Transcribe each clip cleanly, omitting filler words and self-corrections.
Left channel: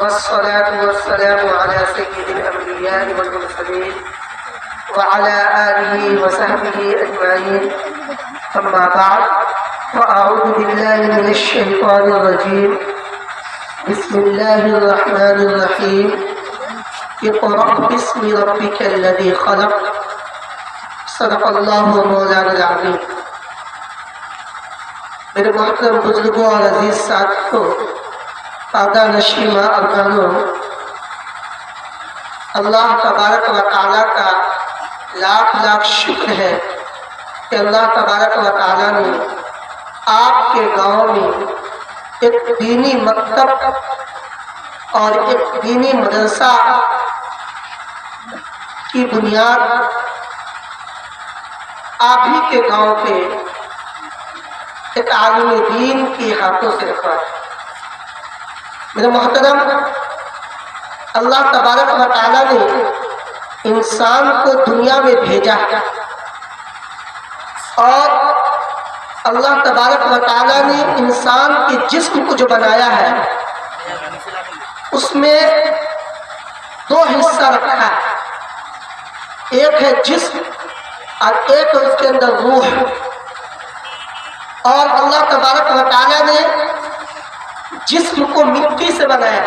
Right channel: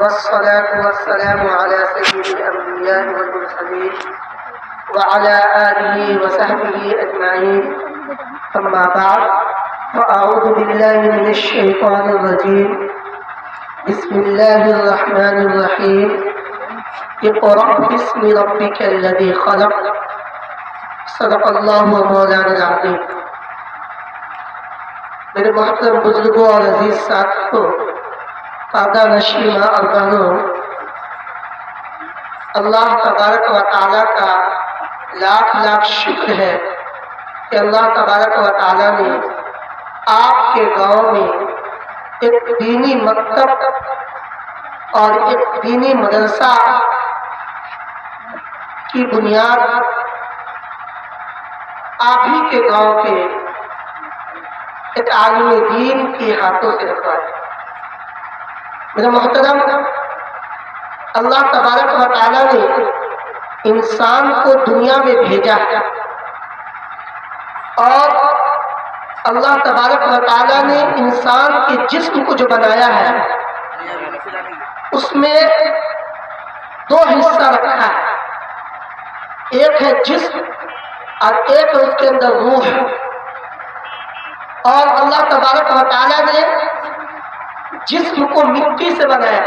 والصلاة والسلام على سيد الأنبياء والمرسلين وعلى آله وصحبه أجمعين. أما بعد فأعوذ بالله من الشيطان الرجيم. بسم الله الرحمن الرحيم. اقرأ باسم ربك الذي خلق. صدق اللہ مولانا العظیم. میرے محترم بزرگوں اور عزیز ساتھیوں، پردہ نشین ماں اور بہنوں، اللہ تبارک و تعالیٰ کا لاکھ لاکھ شکر ہے کہ اللہ تبارک و تعالیٰ نے آپ کے گاؤں میں ایک دینی مکتب اور ایک دینی مدرسہ کی بنیاد آپ ہی کے گاؤں پہ ایک عالم دین کے ہاتھوں سے رکھا ہے. میرا محترم، اللہ تبارک و تعالیٰ نے انسان کو دنیا میں بھیجا ہے اور اللہ تبارک و تعالیٰ نے انسان کے جسم کو جو بنایا ہے اس میں دو حصہ رکھا ہے. ایک ہے جسم اور ایک ہے اس کے اندر روح. اور اللہ تبارک و تعالیٰ نے جسم کو مٹی سے بنایا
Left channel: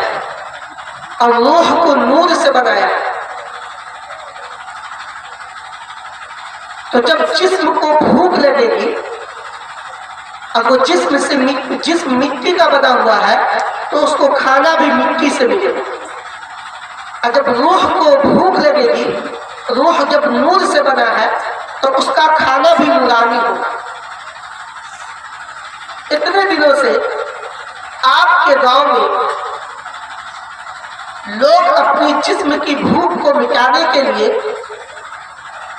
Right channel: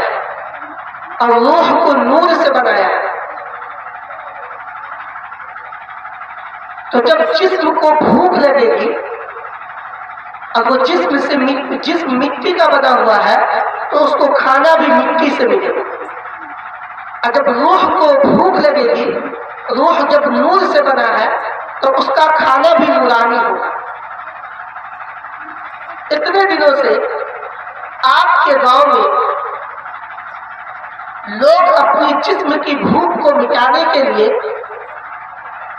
اور روح کو نور سے بنایا. تو جب جسم کو بھوک لگے گی اور وہ جسم مٹی کا بنا ہوا ہے تو اس کو کھانا بھی مٹی سے ملے گا. اور جب روح کو بھوک لگے گی، روح جب نور سے بنا ہے تو اس کا کھانا بھی نورانی ہوگا. اتنے دنوں سے آپ کے گاؤں میں لوگ اپنی جسم کی بھوک کو مٹانے کے لیے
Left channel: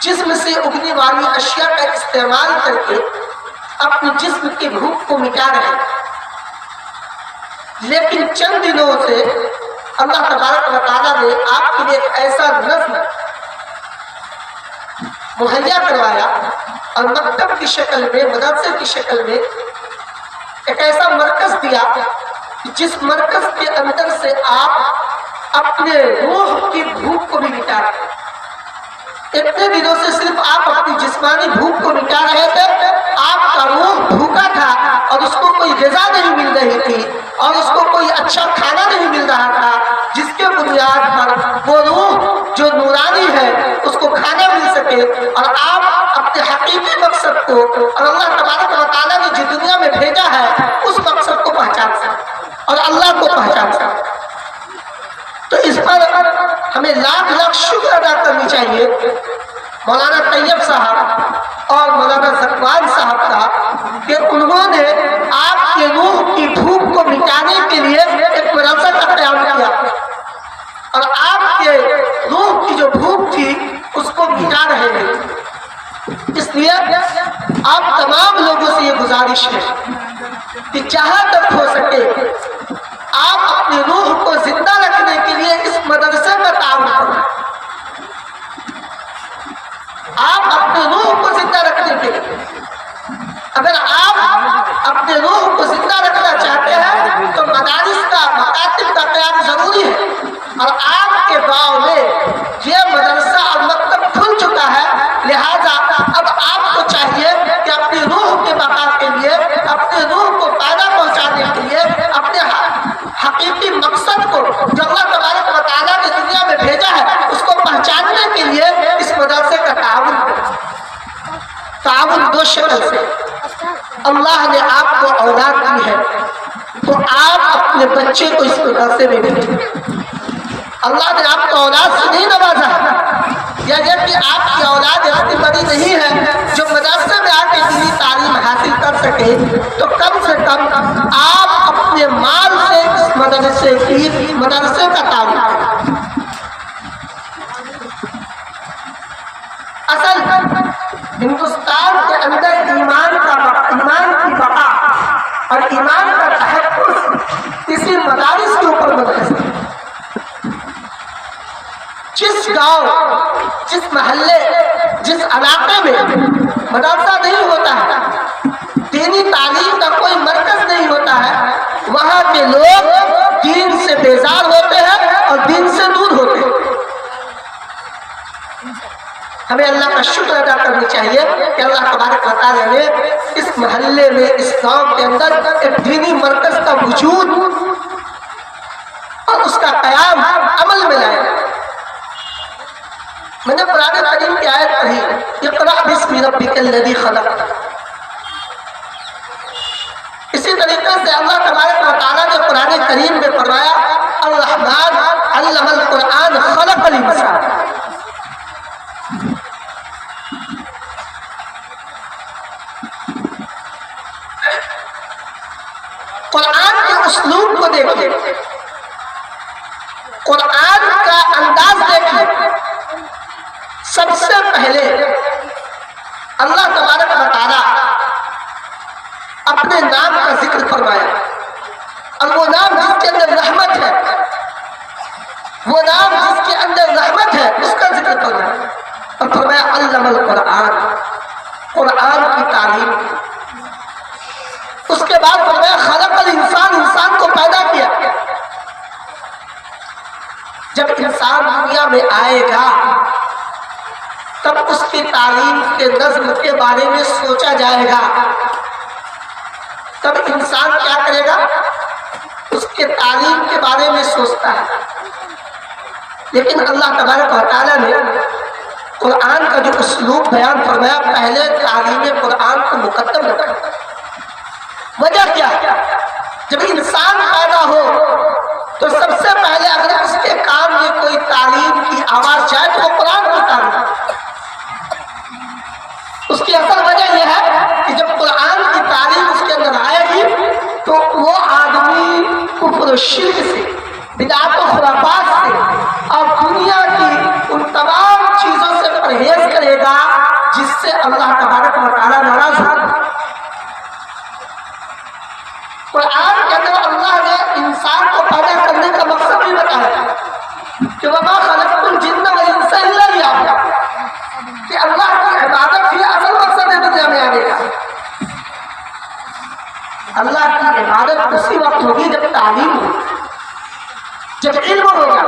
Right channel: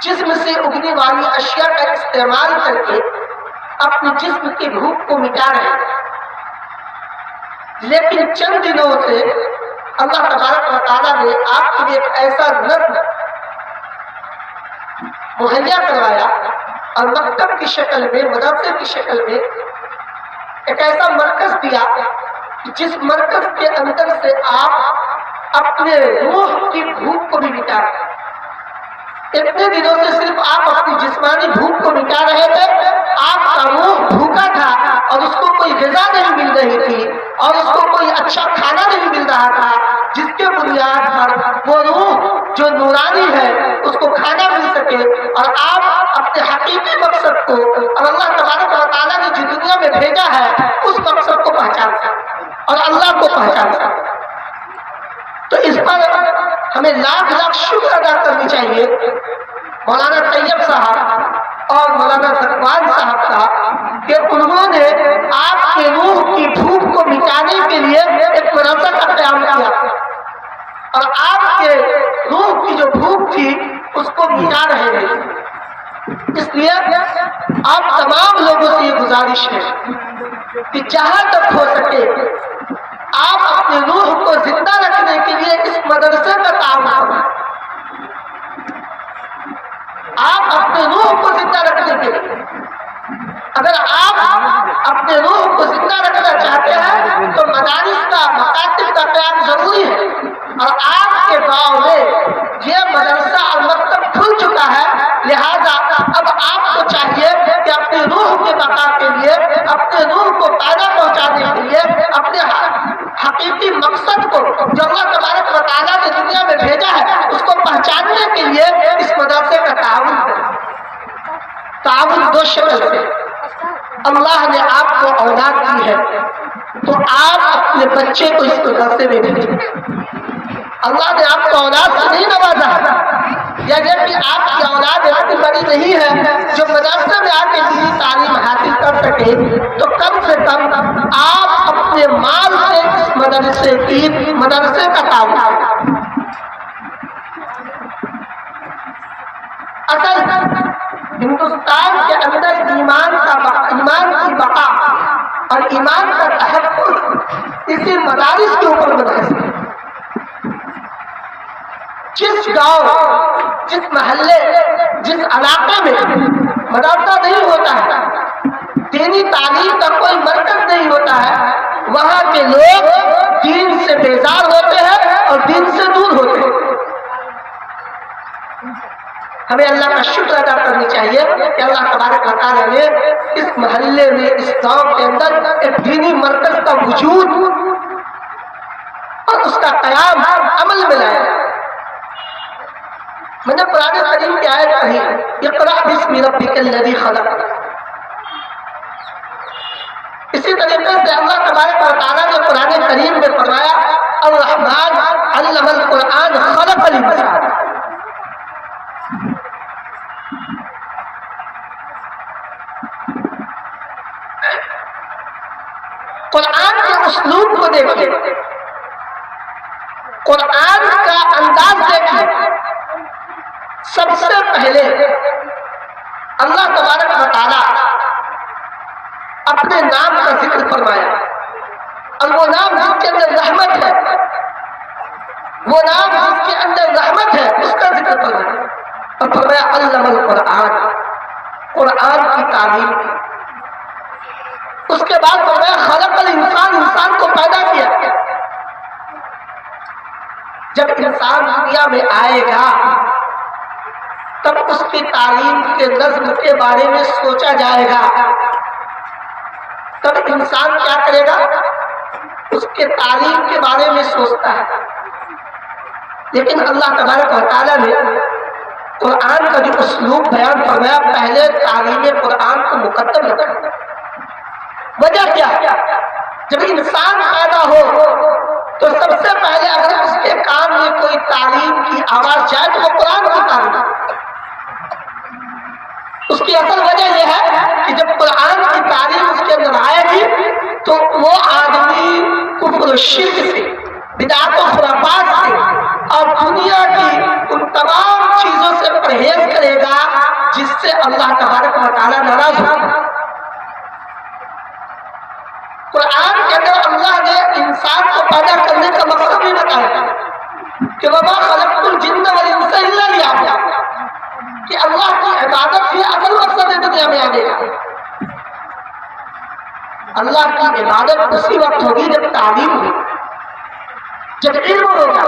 جسم سے اگنے والی اشیاء کا استعمال کر کے اپنی جسم کی بھوک کو مٹا رہے ہیں. لیکن چند دنوں سے اللہ تبارک و تعالیٰ نے آپ کے لیے ایک ایسا نظم مہیا کروایا اور مکتب کی شکل میں، مدرسے کی شکل میں ایک ایسا مرکز دیا جس مرکز کے اندر سے آپ اپنے روح کی بھوک کو بھی مٹا رہے ہیں. اتنے دنوں سے صرف آپ اپنی جسمانی بھوک کو مٹا رہے تھے، آپ کا روح بھوکا تھا اور اس کو کوئی غذا نہیں مل رہی تھی اور اس کو کوئی اچھا کھانا نہیں مل رہا تھا جس کے بنیاد پر وہ روح جو نورانی ہے اس کو کھانا مل سکے اور آپ اپنے حقیقی مقصد کو اور اللہ تبارک و تعالیٰ نے جو دنیا میں بھیجا ہے اس مقصد کو پہچان سکے اور اللہ کو پہچان سکے. تو اس پر ہمیں لاکھ لاکھ شکر ادا کرنی چاہیے مولانا طیب صاحب اور مولانا زکوان صاحب کا کہ انہوں نے آپ کے روح کی بھوک کو مٹانے کے لیے ایک مدرسہ کا قیام کیا اور آپ کے روح کی جو بھوک تھی اس کو مٹا رہے ہیں. اس لیے آپ تمام لوگوں سے یہ گزارش ہے کہ جہاں تک ہو سکے آپ اپنے روح کو زندہ رکھنے کے لیے اس مدرسے کا تعاون کریں. آپ اپنے روح کو زندہ رکھنے کے لیے، اگر آپ اپنے روح کو زندہ رکھنا چاہتے ہیں تو مدارس کا، مکاتب کا قیام ضروری ہے. اور آپ کے گاؤں میں یہ مدرسہ اور مکتب کھل چکا ہے، لہذا اب آپ کو چاہیے کہ اپنی روح کے بقا کے لیے، اپنے روح کو فائدہ پہنچانے کے لیے، اپنے حقیقی مقصد کو جو اللہ تبارک و تعالیٰ نے دنیا میں بھیجا ہے اس کو پہچاننے کے لیے اس مدرسے کا تعاون دو شکل سے. اللہ نے آپ کو اولاد دی ہے تو آپ اپنے بچے کو اس مدرسے میں بھیجیں. اللہ نے آپ کو اولاد سے نہیں نوازا یا یہ کہ آپ کی اولاد اتنی بڑی نہیں ہے جو مدرسے میں آ کے دینی تعلیم حاصل کر سکے، تو کم سے کم آپ اپنے مال سے اس مدرسے کا تعاون کریں. اصل ہندوستان کے اندر ایمان کی بقا اور ایمان کا تحفظ اسی مدارس کے اوپر منحصر ہے. جس گاؤں، جس محلے، جس علاقے میں مدرسہ نہیں ہوتا ہے، دینی تعلیم کا کوئی مرکز نہیں ہوتا ہے، وہاں کے لوگ دین سے بیزار ہوتے ہیں اور دین سے دور ہوتے ہیں۔ ہمیں اللہ کا شکر ادا کرنی چاہیے کہ اللہ تبارک و تعالیٰ نے اس محلے میں، اس گاؤں کے اندر ایک دینی مرکز کا وجود اور اس کا قیام عمل میں لایا۔ میں نے قرآن کریم کی آیت پڑھی، اقرأ باسم ربک الذی خلق۔ اسی طریقے سے اللہ تبارک و تعالیٰ نے قرآن کریم میں فرمایا الرحمن علم القرآن خلق الانسان۔ قرآن کے اسلوب کو دیکھیں، قرآن کا انداز دیکھیں۔ سب سے پہلے اللہ تبارک و تعالیٰ اپنے نام کا ذکر فرمایا، اور وہ نام جس کے اندر رحمت ہے، وہ نام جس کے اندر رحمت ہے، اس کا ذکر فرمایا، اور فرمایا علم القرآن، قرآن کی تعلیم۔ اس کے بعد فرمایا خلق الانسان، انسان کو پیدا کیا۔ جب انسان دنیا میں آئے گا تب اس کی تعلیم کے نظم کے بارے میں سوچا جائے گا، تب انسان کیا کرے گا؟ اس کے تعلیم کے بارے میں سوچتا ہے۔ لیکن اللہ تبارک و تعالیٰ نے قرآن کا جو اسلوب بیان فرمایا، پہلے تعلیم قرآن کو مقدم رکھا۔ وجہ کیا؟ جب انسان پیدا ہو تو سب سے پہلے اگر اس کے کان میں کوئی تعلیم کی آواز جائے تو وہ قرآن کی تعلیم۔ اس کی اصل وجہ یہ ہے کہ جب قرآن کی تعلیم اس کے اندر آئے گی تو وہ آدمی کفر و شرک سے، بدعت و خرافات سے اور دنیا کی ان تمام چیزوں سے پرہیز کرے گا جس سے اللہ تبارک و تعالیٰ ناراض ہوگا۔ قرآن کے اندر اللہ نے انسان کو پیدا کرنے کا مقصد بھی بتایا کہ وَمَا خَلَقْتُ الْجِنَّ وَالْإِنسَ إِلَّا لِيَعْبُدُونِ، کہ اللہ کی عبادت ہی اصل مقصد ہے دنیا میں آنے کا۔ اللہ کی عبادت اسی وقت ہوگی جب تعلیم ہوگی، جب علم ہوگا۔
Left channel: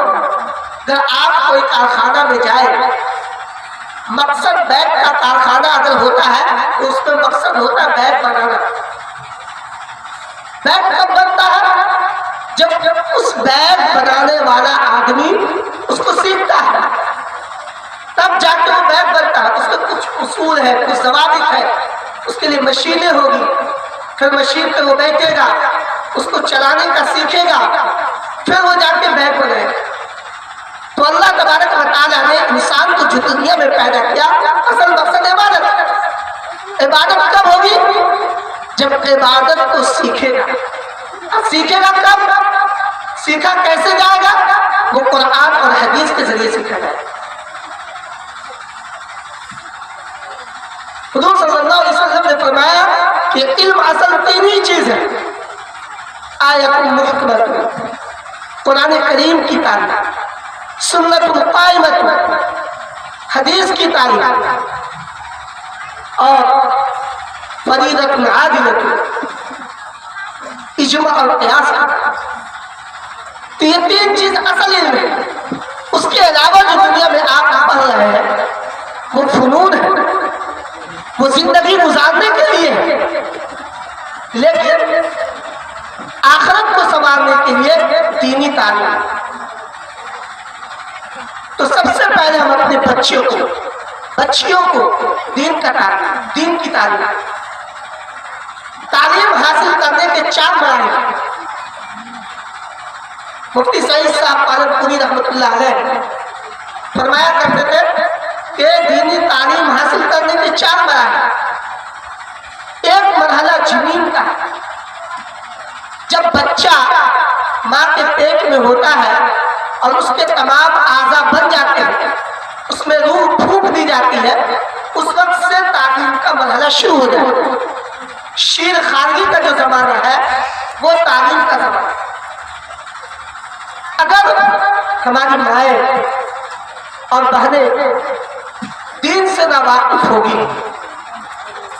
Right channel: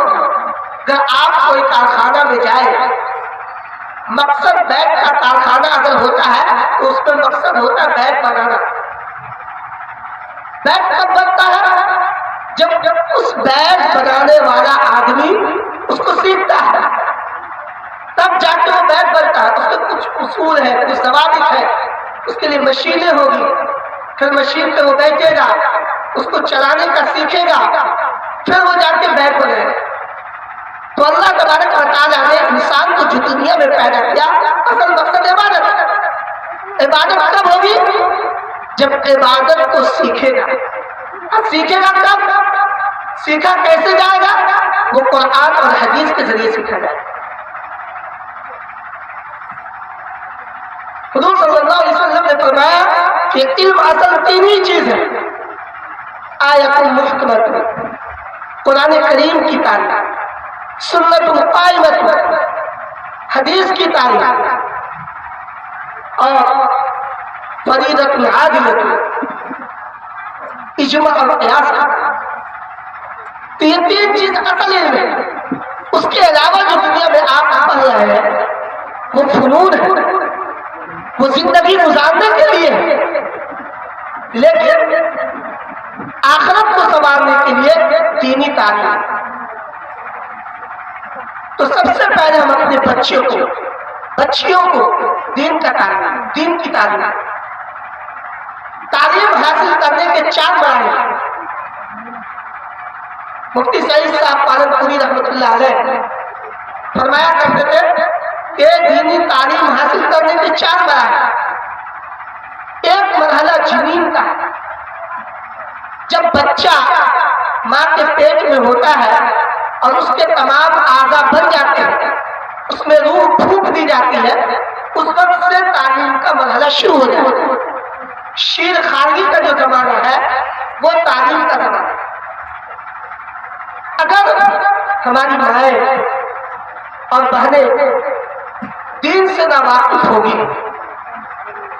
اگر آپ کوئی کارخانہ میں جائے، مقصد بیگ کا کارخانہ اگر ہوتا ہے تو اس میں مقصد ہوتا ہے بیگ بنانا۔ بیگ کب بنتا ہے؟ جب اس بیگ بنانے والا آدمی اس کو سیکھتا ہے، تب جا کے وہ بیگ بنتا ہے۔ اس کے کچھ اصول ہے، کچھ ضوابط ہے، اس کے لیے مشینیں ہوگی، پھر مشین پہ وہ بیٹھے گا، اس کو چلانے کا سیکھے گا، پھر وہ جا کے بیگ بنے۔ تو اللہ تبارک و تعالیٰ نے انسان کو جو دنیا میں پیدا کیا، اصل مقصد عبادت۔ عبادت کب ہوگی؟ جب عبادت کو سیکھے گا۔ سیکھے گا کب؟ سیکھا کیسے جائے گا؟ وہ قرآن اور حدیث کے ذریعے سیکھا جائے گا۔ حضور صلی اللہ علیہ وسلم نے فرمایا کہ علم اصل تین ہی چیز ہے، آیت محکمت، قرآن کریم کی تعلیم، سنت قائمت، حدیث کی تعلیم، اور فریضۃ عادلۃ، اجماع اور قیاس۔ تو یہ تین چیز اصل علم ہے۔ اس کے علاوہ جو دنیا میں آپ پڑھ رہے ہیں وہ فنون ہے، وہ زندگی گزارنے کے لیے ہے، لیکن آخرت کو سنوارنے کے لیے دینی تعلیم۔ تو سب سے پہلے ہم اپنے بچیوں کو دین کا تعلیم، دین کی تعلیم حاصل کرنے کے 4 مراحل۔ مفتی سعید صاحب پالن پوری رحمۃ اللہ علیہ فرمایا کرتے تھے کہ دینی تعلیم حاصل کرنے کے 4 مراحل۔ ایک مرحلہ جنین کا، جب بچہ ماں کے پیٹ میں ہوتا ہے اور اس کے تمام اعضاء بن جاتے ہیں، اس میں روح پھونک دی جاتی ہے، اس وقت سے تعلیم کا مرحلہ شروع ہو جاتا ہے۔ شیر خارجی کا جو زمانہ ہے وہ تعلیم کا زمانہ ہے۔ اگر ہماری مائیں اور بہنیں دین سے ناواقف ہوگی،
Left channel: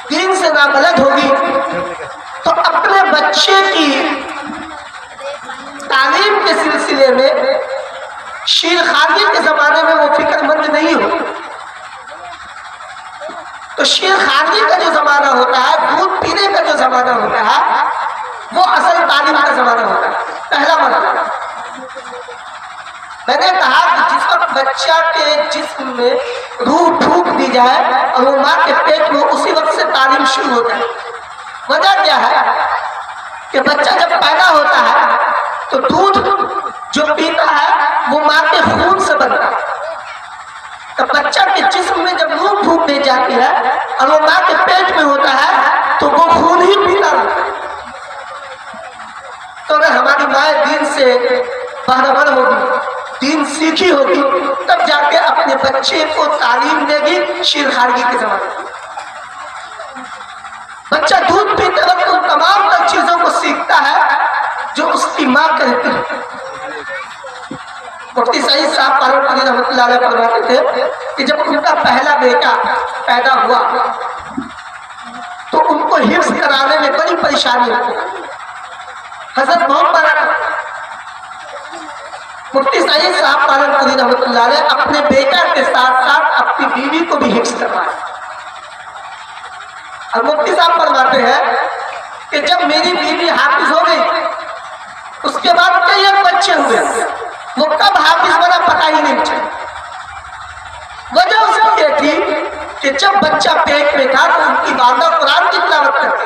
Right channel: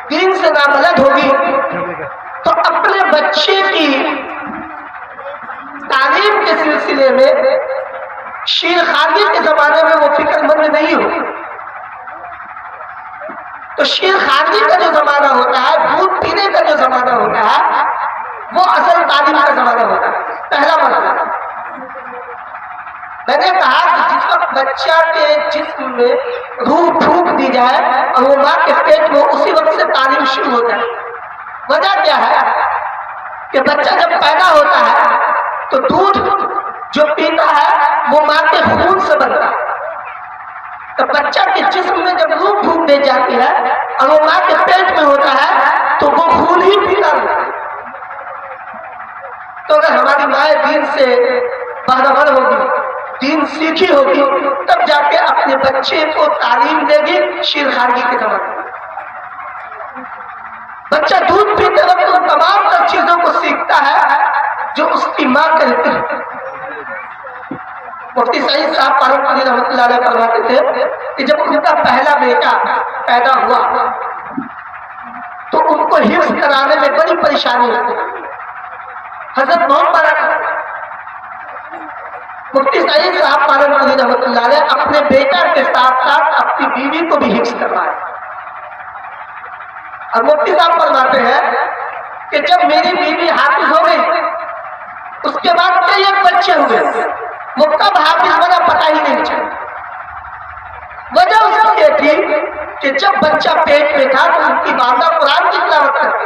دین سے نابلد ہوگی، تو اپنے بچے کی تعلیم کے سلسلے میں شیر خارجی کے زمانے میں وہ فکر مند نہیں ہو. تو شیر خارجی کا جو زمانہ ہوتا ہے، دودھ پینے کا جو زمانہ ہوتا ہے، وہ اصل تعلیم کا زمانہ ہوتا ہے. پہلا مرحلہ میں نے کہا کہ جس وقت بچہ کے جسم میں روح پھونک دی جائے اور وہ ماں کے پیٹ میں، اسی وقت سے تعلیم شروع ہو جائے. وجہ کیا ہے کہ بچہ جب پیدا ہوتا ہے تو دودھ جو پیتا ہے وہ ماں کے خون سے بنتا ہے. تو بچہ کے جسم میں جب روح پھونک دی جاتی ہے اور وہ ماں کے پیٹ میں ہوتا ہے تو وہ خون ہی پیتا رہتا ہے. تو اگر ہماری مائیں دین سے باخبر ہوگی، دین سیکھی ہوگی، تب جا کے اپنے بچے کو تعلیم دے گی. شیر خارجی کے زمانے میں بچہ دودھ پیتے وقت ان تمام تر چیزوں کو سیکھتا ہے جو اس کی ماں کہتی ہے. مفتی سعید صاحب پالنپوری رحمۃ اللہ علیہ فرماتے تھے کہ جب ان کا پہلا بیٹا پیدا ہوا تو ان کو حفظ کرانے میں بڑی پریشانی ہوتی. حضرت بہت بڑا مفتی سعید صاحب پالنپوری رحمۃ اللہ علیہ اپنے بیٹا کے ساتھ ساتھ اپنی بیوی کو بھی حفظ کروائے. اور مفتی صاحب فرماتے ہیں کہ جب میری بیوی حافظ ہو گئی، اس کے بعد کئی ایک بچے ہوئے، وہ کب حافظ بنا پتہ ہی نہیں چلا. وجہ اس کی یہ تھی کہ جب بچہ پیٹ میں تھا تو ان کی والدہ قرآن کی تلاوت کرتی،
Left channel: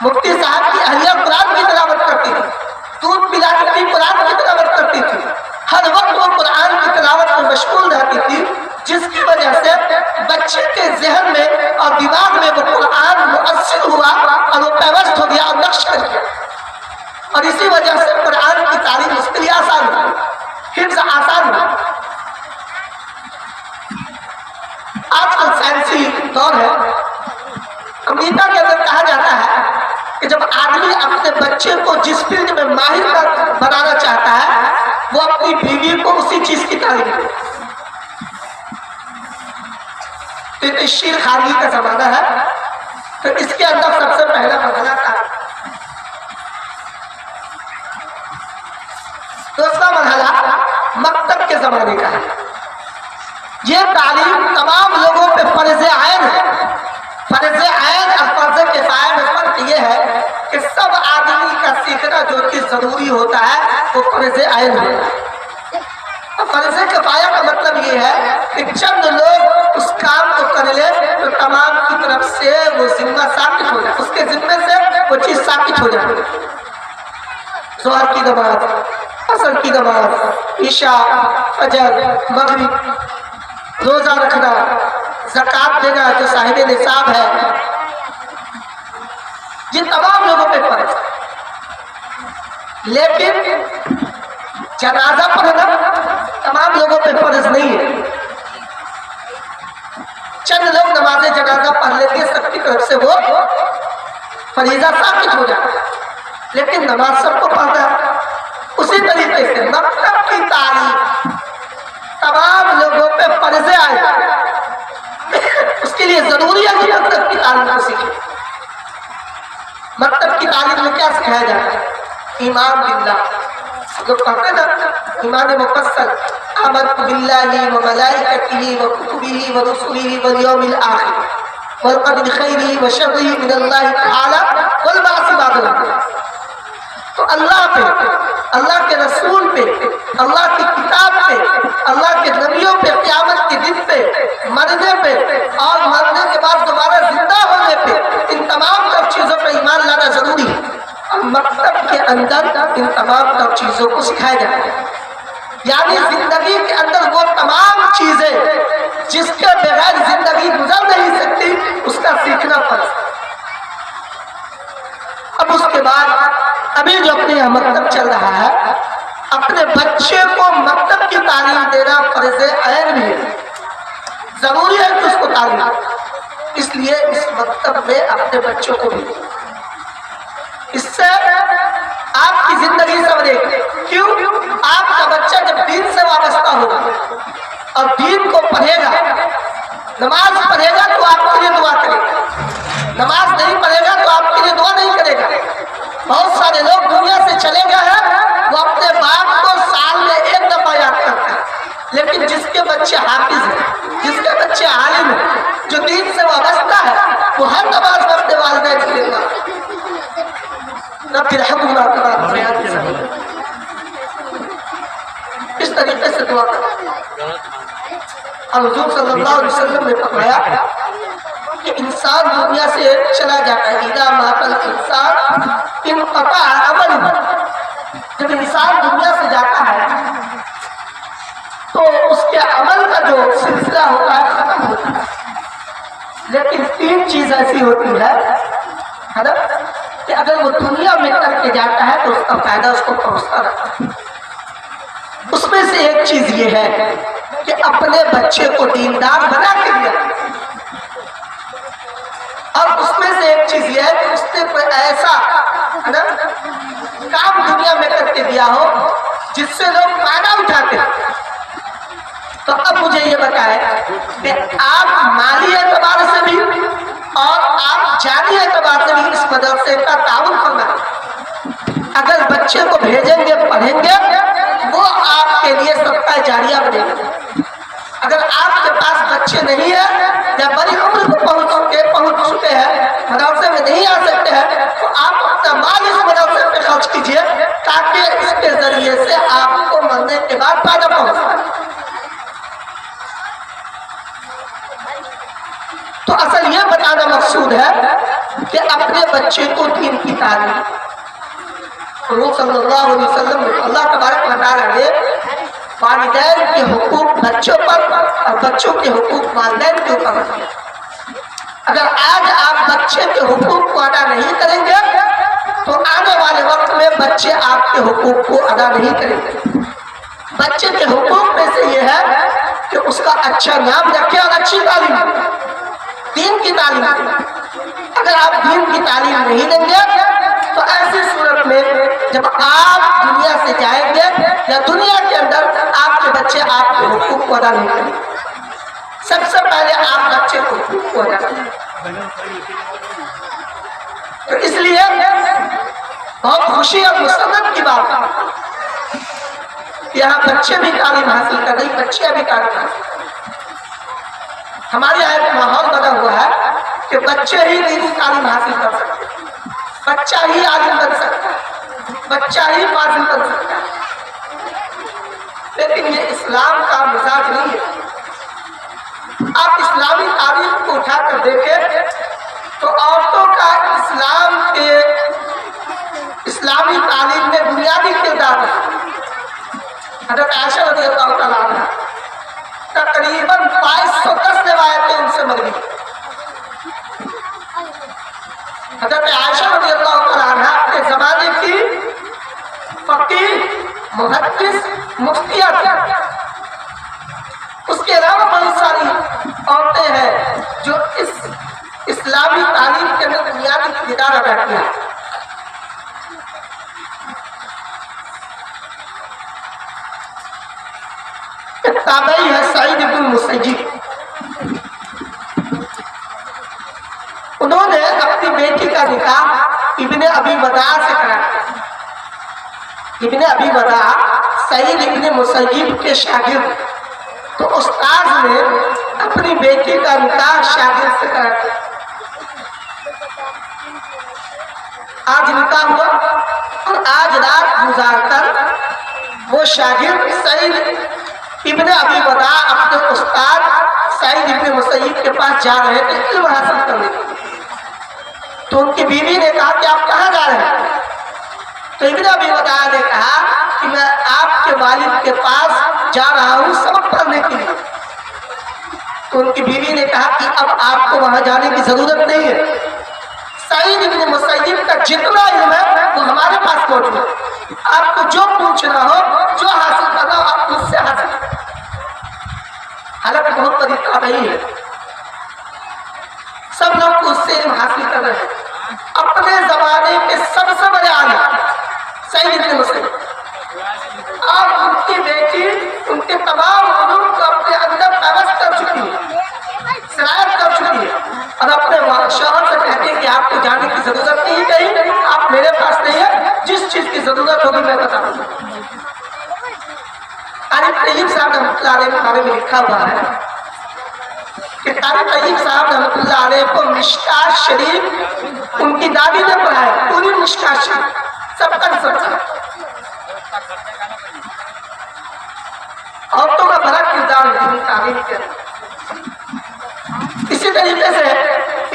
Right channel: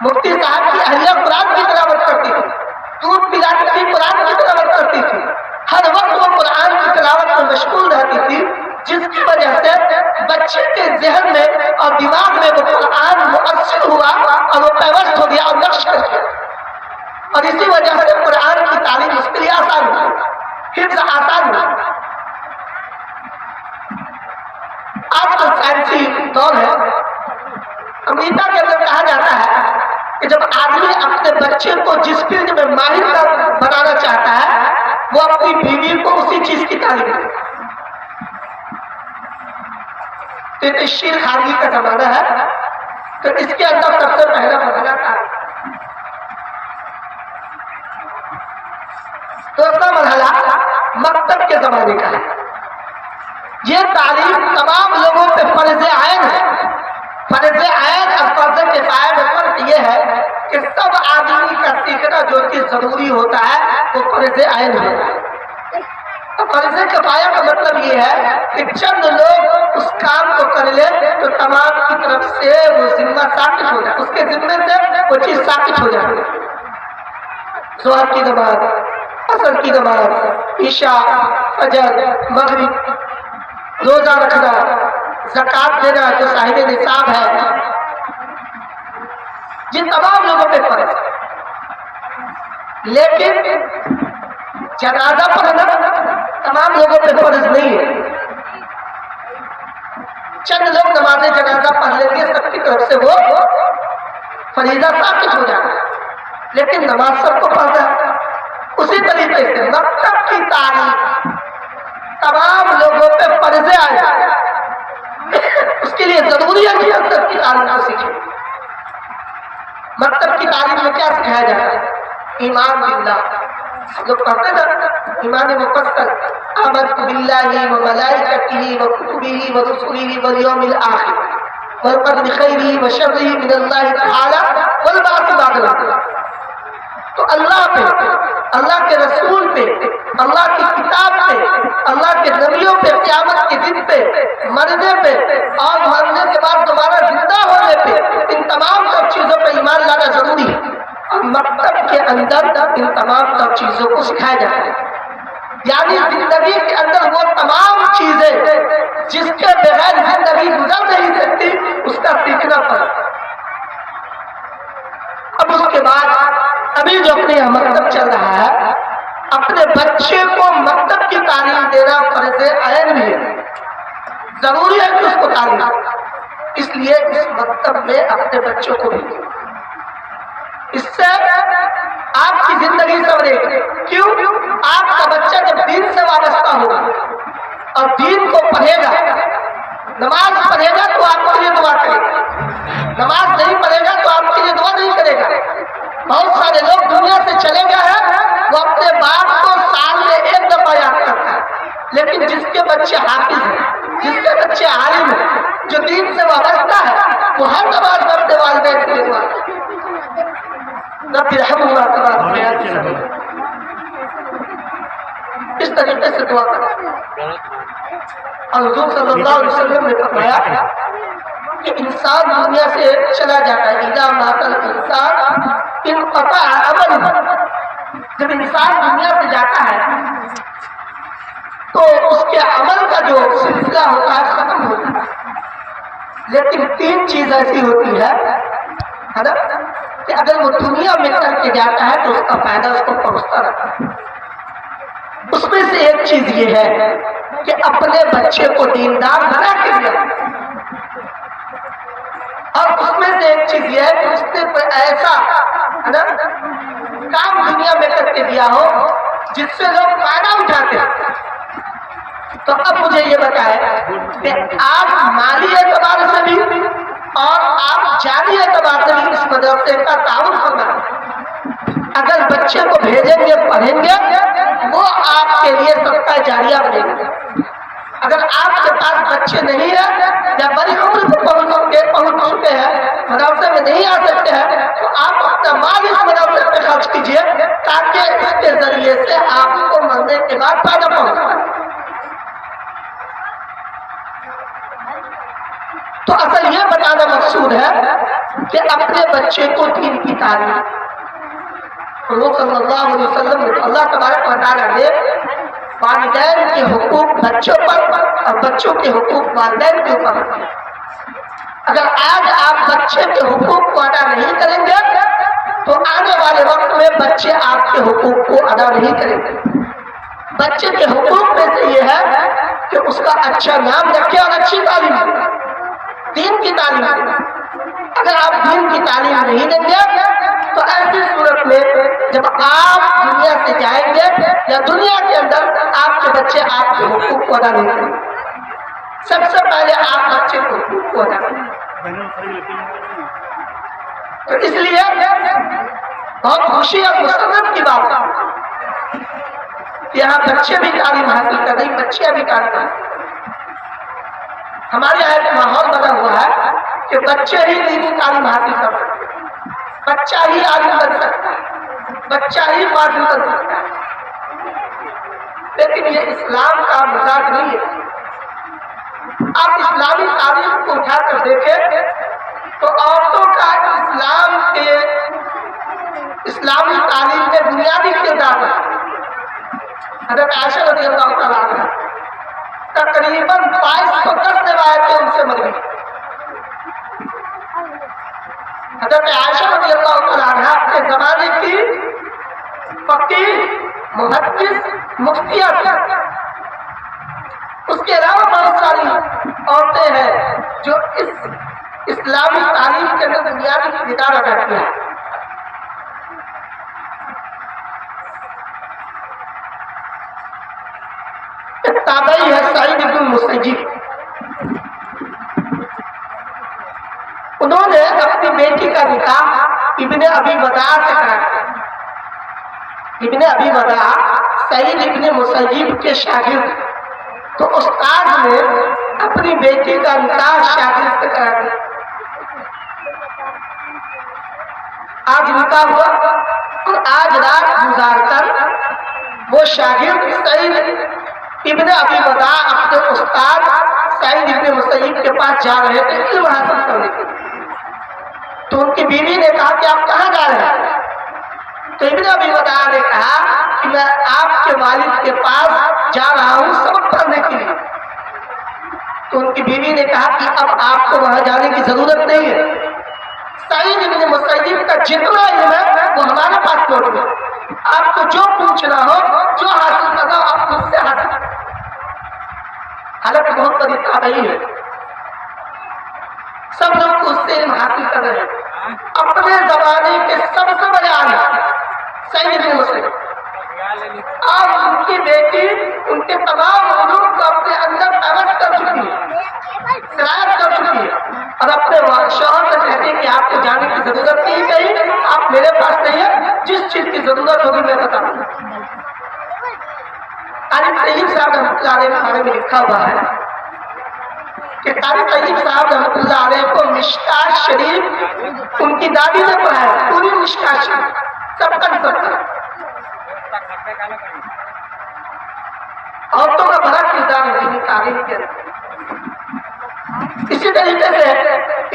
مفتی صاحب کی اہلیہ قرآن کی تلاوت کرتی تھی، دودھ پلاتی تھی، قرآن کی تلاوت کرتی تھی. ہر وقت وہ قرآن کی تلاوت میں مشغول رہتی تھی، جس کی وجہ سے بچے کے ذہن میں اور دماغ میں وہ قرآن مؤثر ہوا اور وہ پیوست ہو گیا اور نقش کر گیا. اور اسی وجہ سے قرآن کی تعلیم اس کے لیے آسان ہوئی، حفظ آسان ہوئی. آج کل سائنسی دور ہے. امریکہ کے اندر کہا جاتا ہے کہ جب آدمی اپنے بچے کو جس فیلڈ میں ماہر بنانا چاہتا ہے وہ اپنی بیوی کو اسی چیز کی تعلیم دے. تو شیر خارجی کا زمانہ ہے، تو اس کے اندر سب سے پہلا مرحلہ تھا. دوسرا مرحلہ مکتب کے زمانے کا ہے. یہ تعلیم تمام لوگوں پہ فرض عین ہے. فرض عین اور فرض کفایہ میں فرق یہ ہے کہ سب آدمی کا سیکھنا جو چیز ضروری ہوتا ہے وہ فرض عین ہوتا ہے. فرض کفایہ کا مطلب یہ ہے کہ چند لوگ اس کام کو کر لے تو تمام کی طرف سے وہ ذمہ ساقط ہو جائے، اس کے ذمے سے وہ چیز ساقط ہو جائے. ظہر کی نماز، عصر کی نماز، عشاء، فجر، مغرب، روزہ رکھنا، زکوٰۃ دینا جو صاحب نصاب ہے، یہ تمام لوگوں پہ فرض ہے. لیکن جنازہ پڑھنا تمام لوگوں پہ فرض نہیں ہے. چند لوگ نماز جنازہ پڑھ لیتے ہیں، سب کی طرف سے وہ فریضہ ثابت ہو جاتا ہے، لیکن نماز سب کو پڑھنا ہے. اسی طریقے سے مکتب کی تعلیم تمام لوگوں پہ فرض آئے. اس کے لیے ضروری ہے کہ مکتب کی تعلیم کو سیکھیں. مکتب کی تعلیم میں کیا سکھایا جاتا ہے؟ ایمان باللہ. لوگ پڑھتے نا ایمان مفصل، آمنت باللہ و ملائکتہ و کتبہ و رسلہ والیوم الآخر والقدر خیرہ و شرہ من اللہ تعالی والبعث بعد الموت. تو اللہ پہ، اللہ کے رسول پہ، اللہ کی کتاب پہ، اللہ کے نبیوں پہ، قیامت کے دن پہ، مرنے پہ اور مرنے کے بعد دوبارہ زندہ ہونے پہ، ان تمام سب چیزوں پہ ایمان لانا ضروری ہے. اور مکتب کے اندر ان تمام سب چیزوں کو سکھایا جاتا ہے. یعنی زندگی کے اندر وہ تمام چیزیں جس کے بغیر زندگی گزر نہیں سکتی، اس کا سیکھنا فرض ہے. اب اس کے بعد ابھی جو اپنے یہاں مکتب چل رہا ہے، اپنے بچے کو مکتب کی تعلیم دینا فرض عین بھی ہے. ضروری ہے کہ اس کو تعلیم دے. اس لیے اس مکتب میں اپنے بچوں کو بھی، اس سے آپ کی زندگی سنورے گی. کیوں؟ آپ کا بچہ جب دین سے وابستہ ہوگا اور دین کو پڑھے گا، نماز پڑھے گا تو آپ کے لیے دعا کرے گا، نماز نہیں پڑھے گا تو آپ کے لیے دعا نہیں کرے گا. بہت سارے لوگ دنیا سے چلے گئے ہیں، وہ اپنے باپ کو سال میں ایک دفعہ یاد کرتا ہے، لیکن جس کے بچے حافظ ہیں، جس کے بچے عالم ہیں، جو دین سے وابستہ ہے، وہ ہر نماز میں اپنے والدین سے دعا رب ارحمہما کما ربیانی صغیرا، اس طریقے سے دعا کرو۔ اور حضور صلی اللہ علیہ وسلم نے فرمایا کہ انسان دنیا سے چلا جاتا ہے، اذا مات الانسان انقطع عملہ، جب انسان دنیا سے جاتا ہے تو اس کے عمل کا جو سلسلہ ہوتا ہے ختم ہوتا ہے، لیکن تین چیز ایسی ہوتی ہے نا کہ اگر وہ دنیا میں کر کے جاتا ہے تو اس کا فائدہ اس کو پہنچتا رہتا ہے۔ اس میں سے ایک چیز یہ ہے کہ اپنے بچے کو دیندار بنا کے دیا، اور اس میں سے ایک چیز یہ ہے کہ اس نے کوئی ایسا کام دنیا میں کر کے دیا ہو جس سے لوگ فائدہ اٹھاتے ہیں۔ تو اب مجھے یہ بتائیں کہ آپ مالی اعتبار سے بھی اور آپ جانی اعتبار سے بھی اس مدرسے کا تعاون فرمائیں۔ اگر بچے کو بھیجیں گے پڑھیں گے وہ آپ کے لیے صدقہ جاریہ بنے گا۔ اگر آپ کے پاس بچے نہیں ہیں یا بڑی عمر کو پہنچ چکے ہیں، مدرسے میں نہیں آ سکتے ہیں، تو آپ اپنا مال اس مدرسے پہ خرچ کیجئے تاکہ اس کے ذریعے سے آپ کو مرنے کے بعد فائدہ پہنچے۔ تو اصل یہ بتانا مقصود ہے کہ اپنے بچے کو دین کی تعلیم، حضور صلی اللہ علیہ وسلم نے اللہ تبارک و تعالیٰ نے والدین کے حقوق بچوں پر اور بچوں کے حقوق والدین کے اوپر رکھے۔ اگر آج آپ بچے کے حقوق کو ادا نہیں کریں گے تو آنے والے وقت میں بچے آپ کے حقوق کو ادا نہیں کریں گے۔ بچے کے حقوق میں سے یہ ہے کہ اس کا اچھا نام رکھے اور اچھی تعلیم دیں، دین کی تعلیم دیں۔ اگر آپ دین کی تعلیم نہیں دیں گے تو ایسی صورت میں جب آپ دنیا سے جائیں گے یا دنیا کے اندر آپ کے بچے آپ کے حقوق کو ادا نہیں کریں گے۔ سب سے پہلے آپ بچے کو حقوق کو ادا کریں۔ تو اس لیے بہت خوشی اور مسرت کی بات ہے کہ یہاں بچے بھی تعلیم حاصل کر رہے، بچے بھی تعلیم حاصل کر رہے۔ ہمارے یہاں ایک ماحول بنا ہوا ہے کہ بچے ہی دینی تعلیم حاصل کر سکتے ہیں، بچہ ہی عالم بن سکتا ہے، بچہ ہی فاضل بن سکتا ہے، لیکن یہ اسلام کا مزاج نہیں ہے۔ آپ اسلامی تعلیم کو اٹھا کر دیکھیں تو عورتوں کا اسلامی تعلیم میں بنیادی کردار ہے۔ حضرت عائشہ رضی اللہ تعالیٰ عنہ تقریباً 2210 روایتیں ان سے مروی۔ حضرت عائشہ رضی اللہ تعالیٰ عنہ اپنے زمانے کی فقیہ، محدث، مفتیہ تھی۔ اس کے علاوہ بہت ساری عورتیں ہیں جو اس اسلامی تعلیم کے اندر بنیادی کردار ادا کیا ہے۔ ایک تابعی ہے سعید بن المسیب، انہوں نے اپنی بیٹی کا نکاح ابن ابی وداع سے کرا۔ ابن ابی وداع سعید ابن مسیب کے شاگرد، تو استاذ نے اپنی بیٹی کا نکاح شاگرد سے کرا دیا۔ آج نکاح ہوا اور آج رات گزار کر وہ شاگرد سعید ابن ابی وداع اپنے استاد سعید ابن مسیب کے پاس جا رہے تھے علم حاصل کرنے کے لیے۔ تو ان کی بیوی نے کہا کہ آپ کہاں جا رہے ہیں؟ تو ابن ابی وداع نے کہا کہ میں آپ کے والد کے پاس جا رہا ہوں سبق پڑھنے کے لیے۔ تو ان کی بیوی نے کہا کہ اب آپ کو وہاں جانے کی ضرورت نہیں ہے، سعید ابن مسیب کا جتنا علم ہے وہ ہمارے پاس موجود ہے، آپ کو جو پوچھنا ہو، جو حاصل کرنا ہو آپ مجھ سے حاصل کریں۔ حالانکہ بہت بڑی تابعی ہے، سب لوگ اس سے علم حاصل کر رہے ہیں۔ اپنے زمانے کے سب سے بڑے عالم سعید ابن مسیب، اور ان کی بیٹی ان کے تمام علوم کو اپنے اندر پیوست کر چکی ہے، سرایت کر چکی ہے، اور اپنے شوہر سے کہتے ہیں کہ آپ کو جانے کی ضرورت نہیں کہیں، آپ میرے پاس نہیں ہے، جس چیز کی ضرورت ہوگی میں بتاؤں گا۔ قاری طیب صاحب رحمۃ اللہ علیہ کے بارے میں لکھا ہوا ہے کہ قاری طیب صاحب رحمۃ اللہ علیہ کو مشکات شریف ان کی دادی نے پڑھایا، پوری مشکات شریف سب کا عورتوں کا بڑا کردار دینی تعلیم کے اندر۔ اسی طریقے سے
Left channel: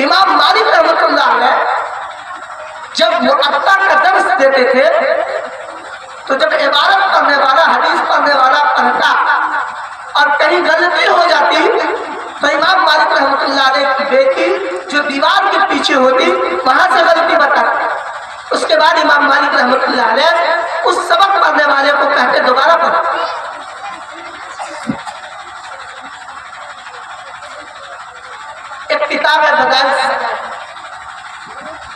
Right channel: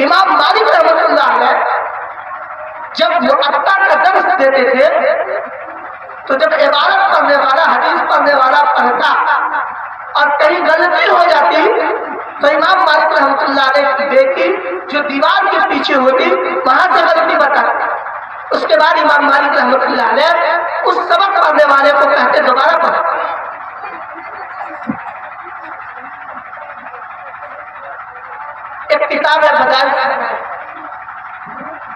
امام مالک رحمۃ اللہ علیہ جب مؤطا کا درس دیتے تھے تو جب عبارت پڑھنے والا، حدیث پڑھنے والا پڑھتا اور کہیں غلطی ہو جاتی تو امام مالک رحمۃ اللہ علیہ کی بیٹی جو دیوار کے پیچھے ہوتی وہاں سے غلطی بتاتی، اس کے بعد امام مالک رحمۃ اللہ علیہ اس سبق پڑھنے والے کو کہتے دوبارہ پڑھو۔ ایک کتاب ہے بدائل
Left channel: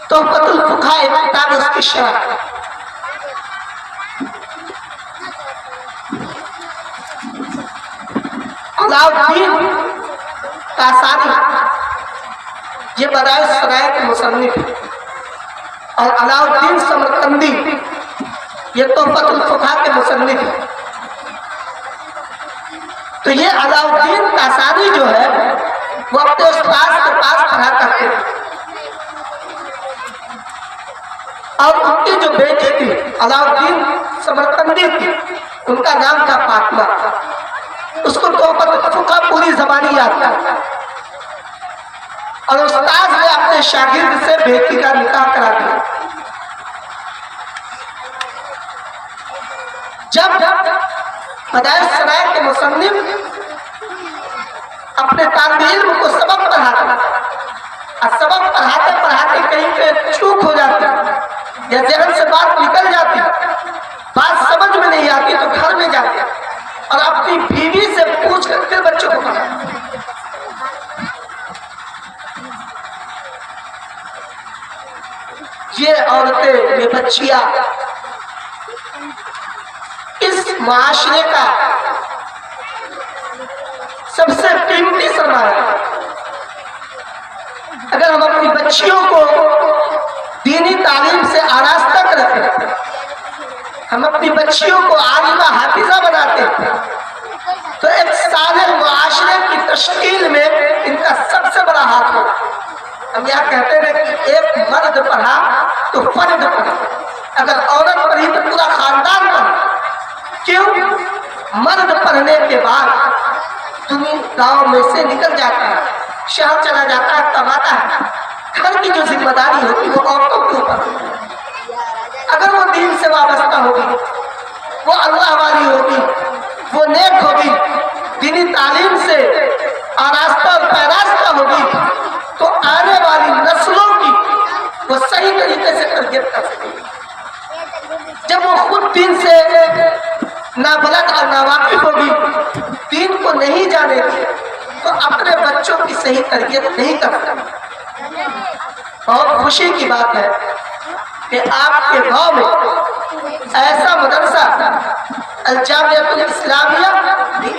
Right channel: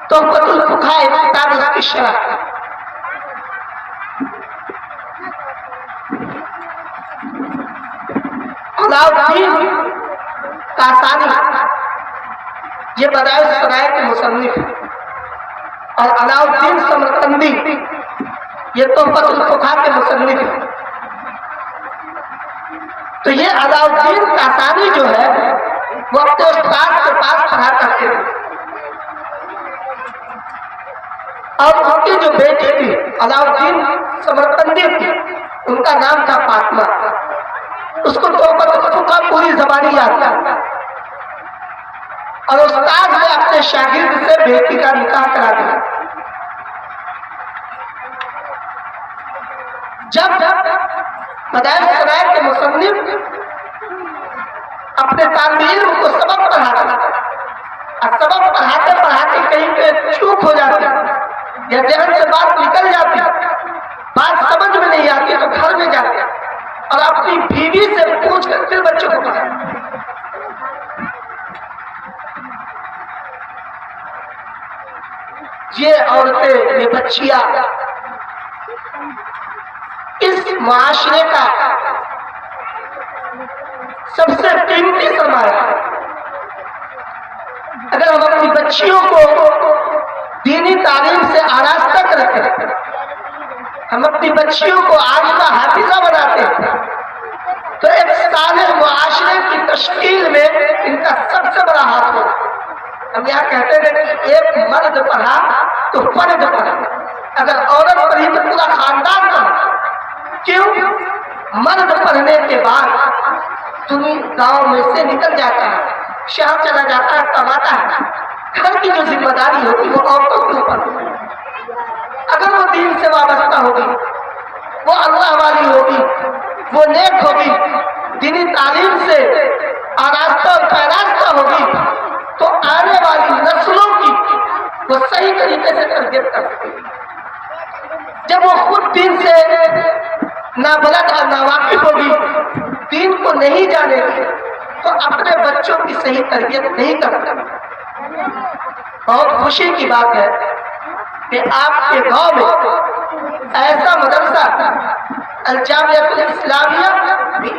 تحفۃ الفقہاء، ایک کتاب ہے اس کی شرح۔ علاؤالدین کاسانی یہ بدائل الصنائع کے مصنف ہیں، اور علاؤالدین سمرقندی یہ تحفۃ الفقہاء کے مصنف ہیں۔ تو یہ علاؤالدین کاسانی جو ہے وہ اپنے استاد کے پاس پڑھا کرتے تھے، اور ان کی جو بیٹی تھی علاؤالدین سمرقندی تھی، ان کا نام تھا فاطمہ، اس کو تحفۃ الفقہاء پوری زبانی یاد تھا، اور استاد نے اپنے شاگرد سے بیٹی کا نکاح کرا دیا۔ جب بدائل الصنائع کے مصنف اپنے طالب علم کو سبق پڑھاتے اور سبق پڑھاتے پڑھاتے کہیں پہ چوک ہو جاتی یا ذہن سے بات نکل جاتی، بات سمجھ میں نہیں آتی تو گھر میں جاتے اور اپنی بیوی سے پوچھ کر پھر بچوں کو پڑھاتے۔ یہ عورتیں، یہ بچیاں اس معاشرے کا سب سے قیمتی سرمایہ ہے۔ اگر ہم اپنی بچیوں کو دینی تعلیم سے آراستہ کرتے ہیں، ہم اپنی بچیوں کو عالمہ حافظہ بناتے ہیں، تو ایک صالح معاشرے کی تشکیل میں ان کا سب سے بڑا ہاتھ ہوگا۔ ہم یہاں کہتے ہیں کہ ایک مرد پڑھا تو فرد پڑھا، اگر عورت پڑھی تو پورا خاندان پڑھا۔ کیوں؟ مرد پڑھنے کے بعد دنیا گاؤں میں سے نکل جاتا ہے، شہر چلا جاتا ہے، کماتا ہے، گھر کی جو ذمہ داری ہوتی وہ عورتوں کے اوپر ہوتی۔ اگر وہ دین سے وابستہ ہوگی، وہ اللہ والی ہوگی، وہ نیک ہوگی، دینی تعلیم سے آراستہ اور پیراستہ ہوگی، تو آنے والی نسلوں کی وہ صحیح طریقے سے تربیت کر سکے گی۔ جب وہ خود دین سے نابلد اور ناواقف ہوگی، دین کو نہیں جانے گی، تو اپنے بچوں کی صحیح تربیت نہیں کر سکتی۔ بہت خوشی کی بات ہے کہ آپ کے گاؤں میں ایسا مدرسہ الجامعۃ الاسلامیہ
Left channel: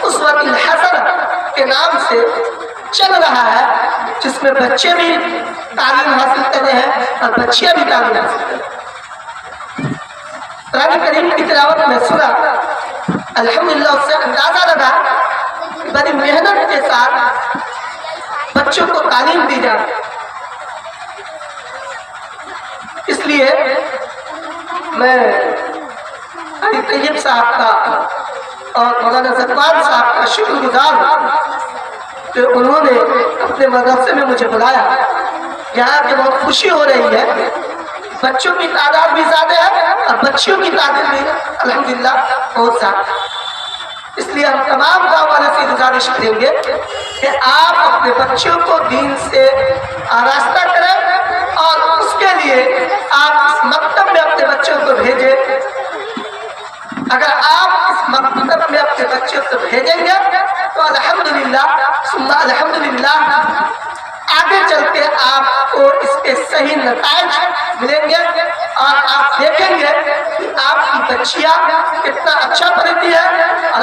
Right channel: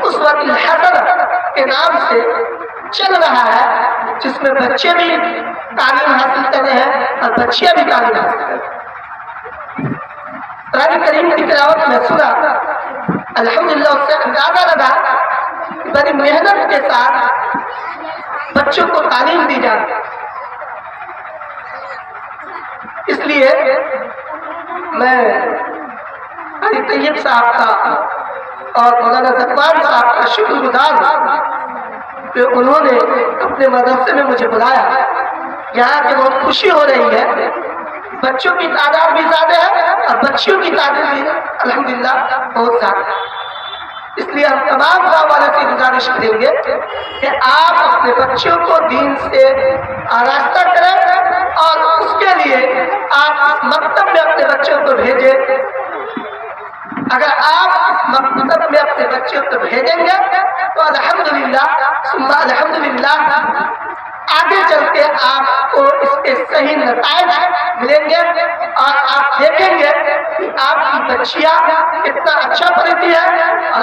باسوۃ الحسنہ کے نام سے چل رہا ہے، جس میں بچے بھی تعلیم حاصل کر رہے ہیں اور بچیاں بھی تعلیم حاصل کر رہے ہیں۔ قرآن کریم کی تلاوت میں سنا، الحمدللہ اس سے اندازہ لگا کہ بڑی محنت کے ساتھ بچوں کو تعلیم دی جاتی ہے۔ اس لیے میں قاری طیب صاحب کا اور مولانا زکوان صاحب کا شکر گزار ہوں کہ انہوں نے اپنے مدرسے میں مجھے بلایا۔ یہاں کے بہت خوشی ہو رہی ہے، بچوں کی تعداد بھی زیادہ ہے اور بچیوں کی تعداد بھی الحمدللہ بہت زیادہ ہے۔ اس لیے ہم تمام گاؤں والوں سے گزارش کریں گے کہ آپ اپنے بچوں کو دین سے آراستہ کریں، اور اس کے لیے آپ اس مکتب میں اپنے بچوں کو بھیجیں۔ اگر آپ اس مکتب میں اپنے بچوں کو بھیجیں گے تو الحمدللہ ثم الحمدللہ آگے چل کے آپ کو اس کے صحیح نتائج ملیں گے، اور آپ دیکھیں گے کہ آپ کی بچیاں کتنا اچھا پڑھتی ہیں اور